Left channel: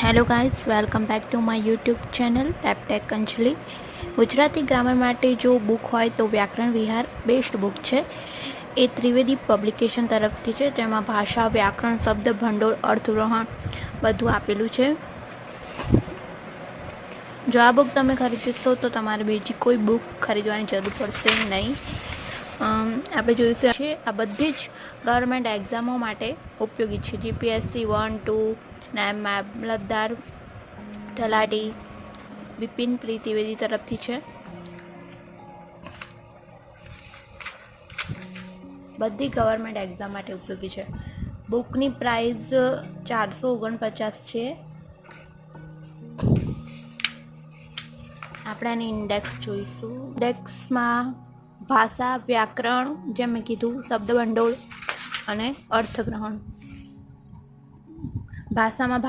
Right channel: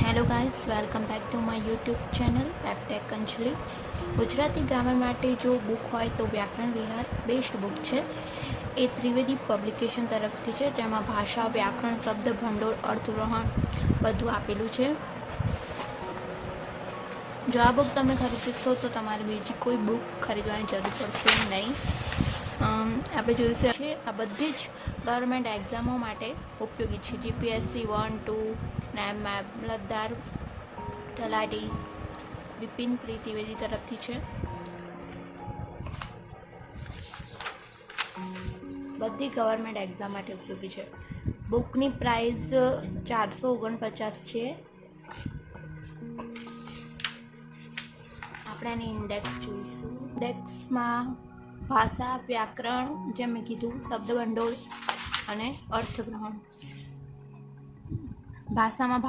Hello guys, welcome back to my YouTube channel પેપટેક Anjali. Gujarati grammar માટે જો બુક હોય તો વ્યાકરણ વિહાર બેસ્ટ બુક છે. એ ત્રિવેદી પબ્લિકેશન તરફથી છે, જેમાં ભાષા, વ્યાકરણ, શબ્દ ભંડોળ, અર્થગ્રહણ બધું આપેલું છે. જો આ બુક તમે ખરીદશો તો તમારે બીજી કોઈ બુક ખરીદવાની જરૂર પડશે નહીં. આપણે જોઈશું છે આ બધી જ ગવર્મેન્ટ એક્ઝામો માટે ઉપયોગી છે. જીપીએસસી 1, 2, નાયબ મામલતદાર, તલાટી, બિપિન ત્રિવેદી તરફથી છે. બધી ગવર્મેન્ટ એક્ઝામ માટે ઉપયોગી છે. બુકની પ્રાઇસ 449 છે. આપણે એની ઇન્ડેક્સ જોઈશું. ઇન્ડેક્સમાં ભાષા, વ્યાકરણ, જેમ મેં કીધું, શબ્દ ભંડોળ અને અર્થગ્રહણ. ભાષામાં